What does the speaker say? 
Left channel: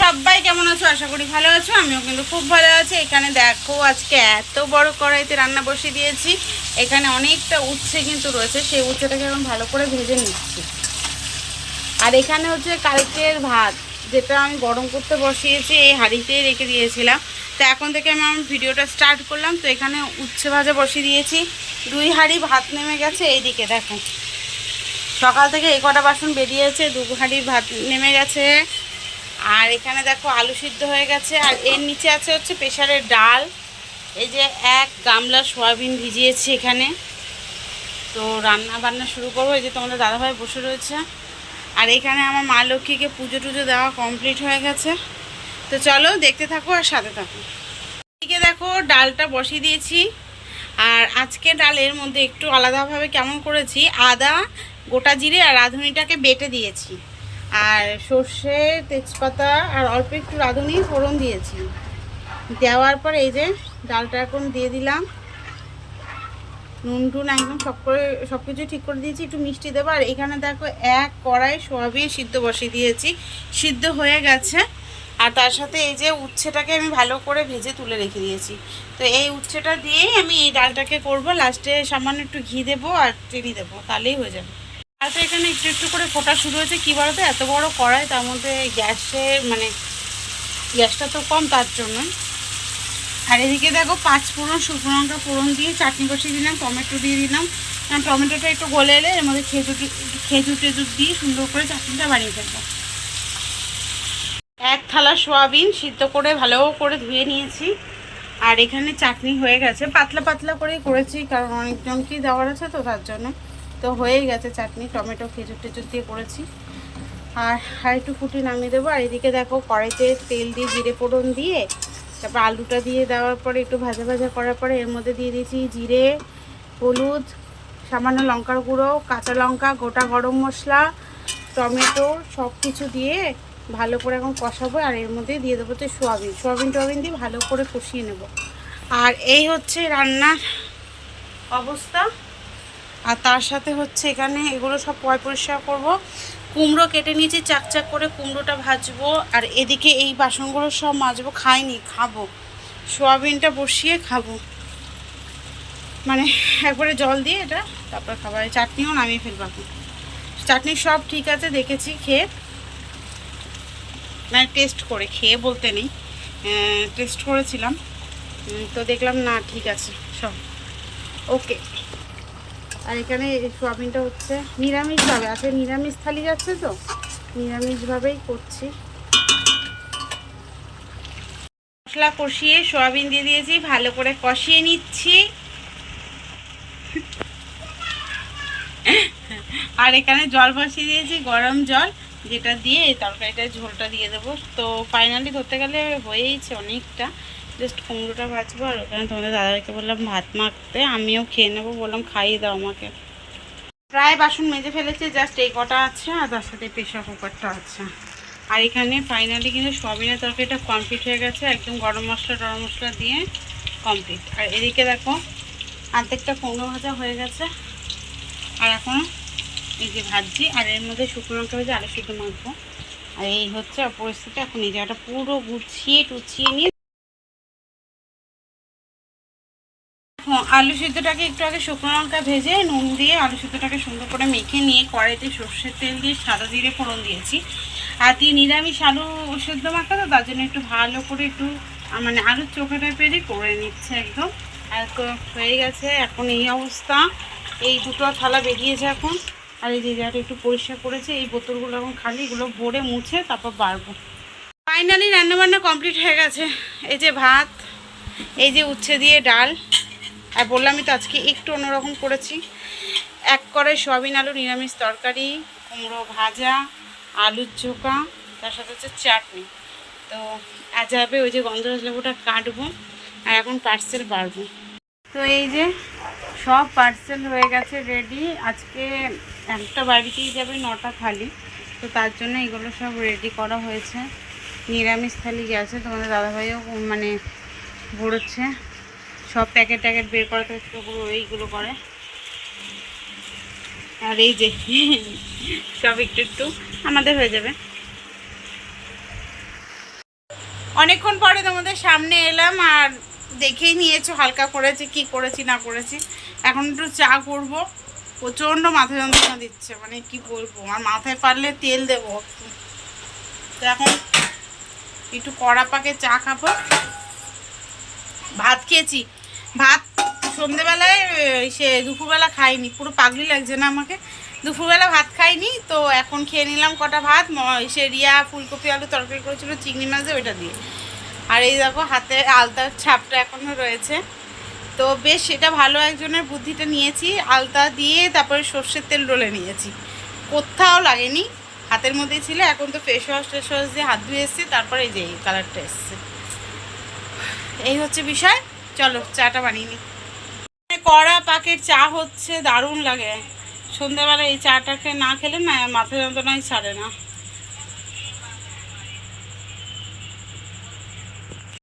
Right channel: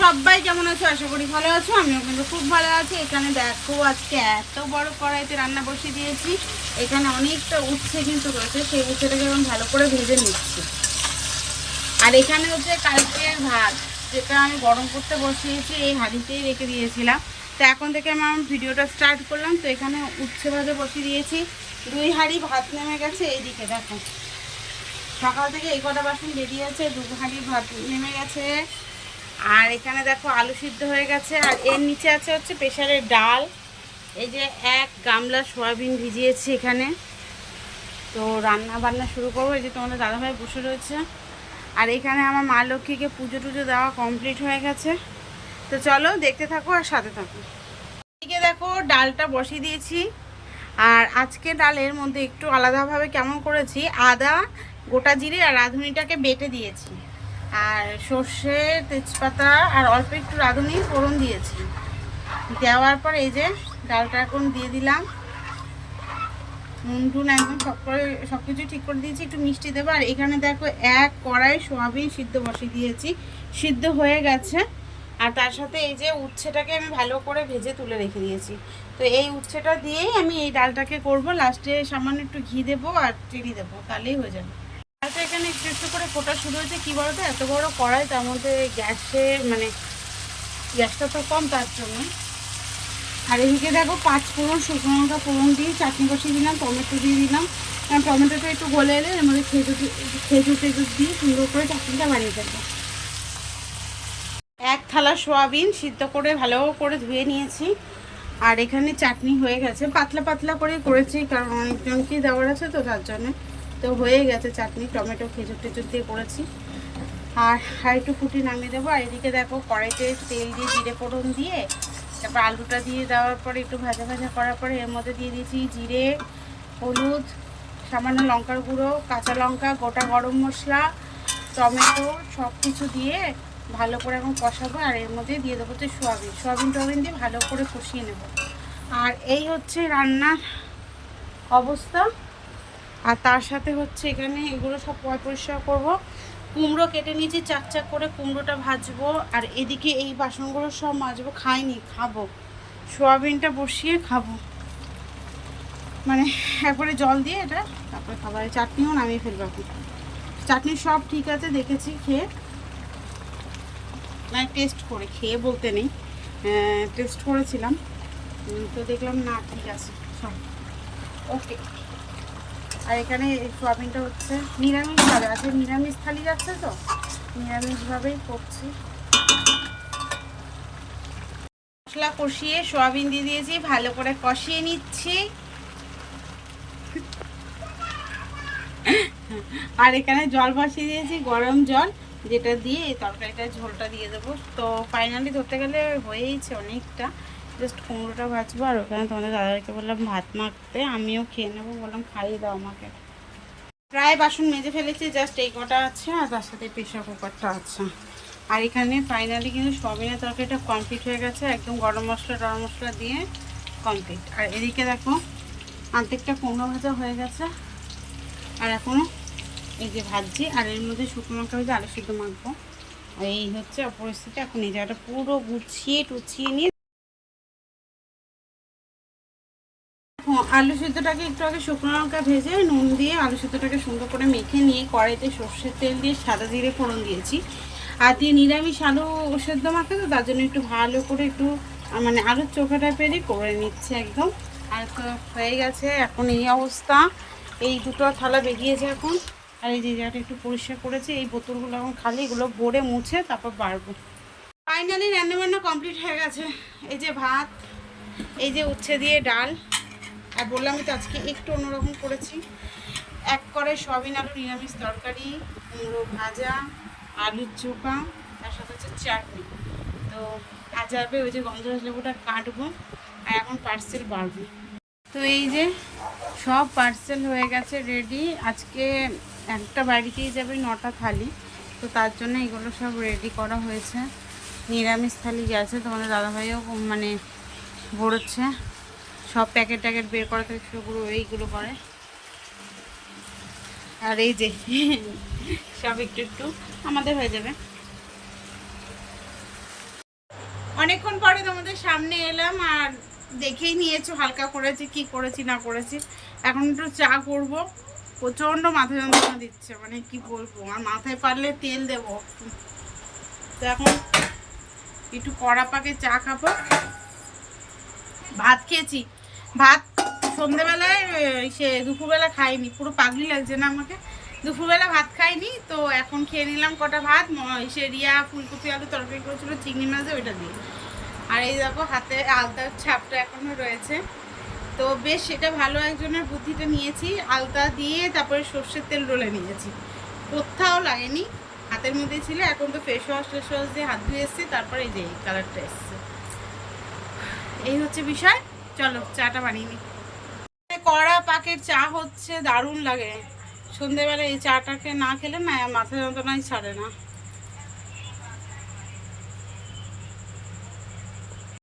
সবাই কেমন আছো? আশা করি ভালো আছো, আমিও কিন্তু খুব ভালো আছি। এখানে দেখো, আজকে এত বড় কড়াইতে রান্না বসিয়ে দিয়েছি। এখানে অনেকটা উচ্ছে কিন্তু রয়েছে, সেই উচ্ছেটাকে এখন ভালো করে ভেজে নিচ্ছি। আর এখানে হচ্ছে কালকের ভাত, যেটা আমি গরম করতে বসিয়েছি, এই হাঁড়িতেই রেখে দিয়েছিলাম। তো এখন থেকে আমি আমার ভিডিওটা স্টার্ট করলাম, তো এখানে উচ্ছে ভাজা বসিয়ে দিয়েছি। দুই হাঁড়ি ভাত নেমে গেছে, এইদিকে দেখো। সকাল থেকে এই কটা বাসন বেরিয়েছে, দু হাঁড়ি ভাত নেমে গেছে। আর এখানে দেখো আলু সিদ্ধ হয়ে গেছে, আর এর নিচে আছে হচ্ছে প্রেশারের ডাল। এই যে এক গামলা সয়াবিন ভিজিয়েছি এখানে। তো রান্না বান্না শুরু করব। এই যে তোমাদের দাদাভাই বসে রয়েছে। আর এখানে আমার মা লক্ষ্মীকে পুজো টুজো দেওয়া কমপ্লিট হয়ে গেছে। তো চলো দেখতে থাকো আর সাথে থাকো। এদিকে দেখো ডালটা বসিয়ে দিয়েছি। আর আজকে ডালের মধ্যে একটু আলাদাভাবে কেমন করেছি, আদা, গোটা জিরে আর রাঁধুনিটাকে বেটে দিয়েছি। আর সর্ষে, তেজপাতা আর অল্প একটু রাঁধুনি, ফোড়ন দিয়েছি। দেওয়ার পর এই যে ডালটা এখন দিয়ে দিলাম। নুন টুন একদম সব করে সব কিছু ঠিক করে দিয়েছি। একটু মিষ্টি দেবো। আর এখানে দেখো এক কড়াই সোয়াবিন সিদ্ধ বসিয়ে দিয়েছি। সিদ্ধ হয়ে গেছে। আর তার সাথে এই যে উচ্ছেটাকে আমি ভালো করে ভেজে তুলে রেখে দিয়েছি। তো এই উচ্ছেটা দিয়েই আমি এই ডালটাকে করব। লাস্টে সামান্য একটু ঘি দেবো আর চিনি দেবো। তাহলেই হয়ে যাবে। ডালটা এখানে একটু একটু করে ফোটা শুরু হয়েছে, কী বলতো? এত বড় কড়াই, তার মধ্যে গ্যাসে মানে গ্যাসটা তো কম তার জন্য। আর এদিকে দেখো, পাঁচ ফোড়ন, শুকনো লঙ্কা ফোড়ন দিয়ে চাটনি বসিয়ে দিলাম, টমেটো দিয়ে দিলাম। টমেটোটা একটু গলে এলে এর মধ্যে খেজুর খেজুর টেজুর দিয়ে সুন্দর করে চাটনিটা বানিয়ে ফেলব। এক থালা সোয়াবিন সিদ্ধ করে ভালো করে ধুয়ে নিয়েছি। আর এখানে চাটনি হয়ে গেছে। পাতলা পাতলা করে করেছি, কারণ অনেকজনকেই দেওয়ার আছে তো তার জন্য। তো হয়ে গেছে চাটনি, টমেটো, খেজুর টেজুর দিয়ে করেছি। আর আর একটু ফুটি নামিয়ে দেবো। আর এদিকে দেখো কড়াইতে তেল দিয়ে জিরে ফোড়ন দিয়ে, তারপর আলুটা দিয়ে দেওয়ার পরে একটু ভাজা ভাজা করার পরে এর মধ্যে দিয়ে দিয়েছি জিরে, হলুদ, সামান্য লঙ্কার গুঁড়ো, কাঁচা লঙ্কা, গোটা গরম মশলা, টমেটো সব কিছু দিয়ে ভালো করে এখন কষাবো। আর এর মধ্যে দিয়ে দেবো হচ্ছে সোয়াবিন। সোয়াবিন টোয়াবিন দিয়ে ভালো করে কষিয়ে নেব। আর এই হচ্ছে রান্নার অবস্থা। আর তার সাথে হচ্ছে এখানে এগুলো সব পয় পরিষ্কার করব। কুমড়ো কেটে নিয়েছি চাকচাক করে কুমড়োটা ভাজবো। আর এদিকে এই বাসনগুলো সব মাজবো, খাইনি, খাব। সোয়াবিনটা বসিয়ে খাব। মানে একবারে জল দিয়ে এটা তারপর খাবার চাটনিও নামিয়ে ফেলব এখন। চাটনি সব ঠিক আছে, দেখেছি, খেয়ে। মানে টেস্ট করে, খেয়ে বলতে নেই। টেস্ট করেছিলাম। তো দেখলাম না, ঠিক আছে, সব। ওকে। আর এখানে সোয়াবিনটা হচ্ছে নিরামিষভাবে আজকে নিরামিষ থালি যাচ্ছে তো নিরামিষভাবেই করছি। মশলা কষিয়ে সোয়াবিন দিয়ে দিয়েছি, ভালো করে কষিয়ে নিচ্ছি। আর এখানে জল বসিয়ে দিয়েছি, গরম জল, যেটা দিয়ে এই তরকারিটার ঝোলটা দিয়ে দেবো। তো ফাইনালি ধরতে গেলে হয়েইছে অনেকটা। জাস্ট কুমড়োটা ভাজবো আর ওখানে তোমাদের দাদাকে বললাম ভাত মাখতে, আমিও খেয়ে নেব, বললাম খাইয়ে দাও আমাকে। প্রায় বাসন মেজে ফেলেছি, জাস্ট এই কটা আছে আর তার সাথে প্রেশার কুকারটা আছে। আর এখানে ফাইনালি কিন্তু সবিনের তরকারিটা কমপ্লিট হয়ে গেছে, একদম গরম মশলা, টরম মশলা দিয়ে কমপ্লিট আর এদিকে দেখো, আর্ধেকটা কুমড়ো ভাজা হয়ে গেছে। আর এখন এই যে ভাজছি, আর এর মধ্যে শুকনো লঙ্কা ভেজে আলু সিদ্ধ মাখবো। আর এই হচ্ছে পরিস্থিতি এখন এই জায়গাটা পুরো গুছিয়ে টুছিয়ে নিয়ে আলু সিদ্ধটাকে একটু আগে শুকনো লঙ্কা ভেজে নুন দিয়ে আলু সিদ্ধটাকে সুন্দর করে মেখে নিয়ে কড়াইতে সর্ষের তেল দিয়ে সাদা জিরে ফোড়ন দিয়েছি। আর দিয়ে নিরামিষ আলু সেদ্ধ মাখা তো, তার জন্য একটু ভালো করে একটু মানে আলুর চোখা টাইপেরই করে নিচ্ছে একদম। আর হয়ে গেছে এখন এই অবস্থা। এই দুটো থালা বেরিয়েছে এখন। আর এই যে জায়গাটা একটু পরিষ্কার করেছে, এই বোতলগুলো এখন খালি, এগুলো ভরে মুছে তারপর বাড়বো। ফাইনালি রান্নাবান্না কমপ্লিট হয়ে গেছে। এই যে ভাত, এই যে উচ্ছে দিয়ে ডাল আর বললামই তো আজকে একটু অন্যরকম করেছি। এক করে সয়াবিন আলু, নিরামিষ তরকারি, কুমড়ো ভাজা, আলুর চোখা, তার সাথে হচ্ছে চাটনি। তো আজ যাবে ওই যে গন্ধরাজ লেবুটা কাটবো আর এখন পার্সেল বাড়বো। তো এই যে সব পার্সেল হয়ে গেছে রেডি আজকে একটা বাড়িতেই যাবে, নটা থালি। তো তার জন্য এগুলো সব রেডি করা হয়েছে। নিরামিষ থালি গেছে, তোমাদের দাদাভাইও মানে ভরছে। সব প্যাকেট ট্যাকেট বের করা থেকে শুরু এইগুলো করে। আর এই যে, সব একটু একটু আমাদের হয়ে যাবে। অনেকক্ষণ পরে তোমাদের সামনে এলাম আর দেখেই নিয়েছো হালকা করেছি, কি করেছি, না করেছি। এখন একটু চা করব। প্রচণ্ড মাথা যন্ত্রণা দিচ্ছে মানে কি বলব, আর মাথায় পারলে তেল দেবো। তো এখন একটু কড়া পাকে চা খাব। ভাত খেয়েছি ভাত সন্ধেবেলায় সে দুপুরবেলা খাইনি। পুরো পাগলি লাগছে না আমাকে। দুপুরবেলা ভাত খাইনি, তো এখন খেয়ে নিলাম কটা ভাত। সে রিয়া ফুলকপি, আলু তরকারি করেছিল, চিংড়ি মাছ ওইটা দিয়ে। আর এই দেখো, হাতে আলতার ছাপটা এখনও রয়েছে। তো বেশ সেটা ভালো একজনের বুদ্ধিটা নিয়েছি। আলতা দিয়ে তারপরে সর্ষের তেল ডলে নিয়েছি। কোথাও লাগেনি। হাতের মধ্যেই ছিল, এখন তো ফেস ওয়াশ টেস ওয়াশ দিয়ে হাত ধুয়ে এসেছি, তারপরে এই যে এই কালারটা এসছে। এই হচ্ছে বিষয়। চলো, চাটা বানিয়ে নিই কড়া পাকের চা হচ্ছে, দারুণ লাগে। সন্ধেবেলা এই চাটাকে না খেলে না, মাথা যন্ত্রণাই ছাড়ে না।